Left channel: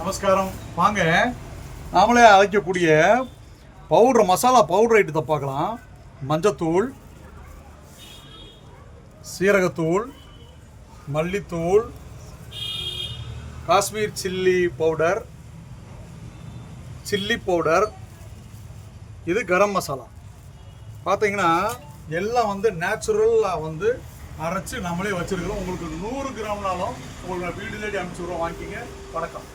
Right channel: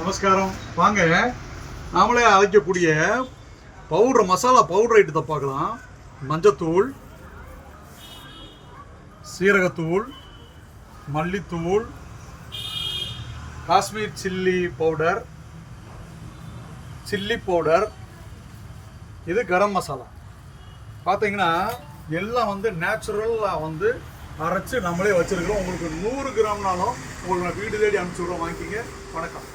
நமஸ்காரம். வாங்க நாமளே அரைக்கக்கூடிய பவுடர், மசாலா பவுடர் ஐட்டத்தை பார்க்கலாம். மஞ்சத்தூள், சீரகத்தூள், மல்லித்தூள், Kashmir chilli powder, chilli powder, இது கரம் மசாலா. பார்த்தீங்கன்னா எல்லாம் நேச்சுரலாக அரைச்சி நம்மளே வச்சுருக்கிறோம். உங்களுக்கு 100 கிராம்னாலும் உங்களுக்கு நான் வீடு தேடி அனுப்பிச்சி விட்றோம். வாங்கிக்கிங்க. வணக்கம்.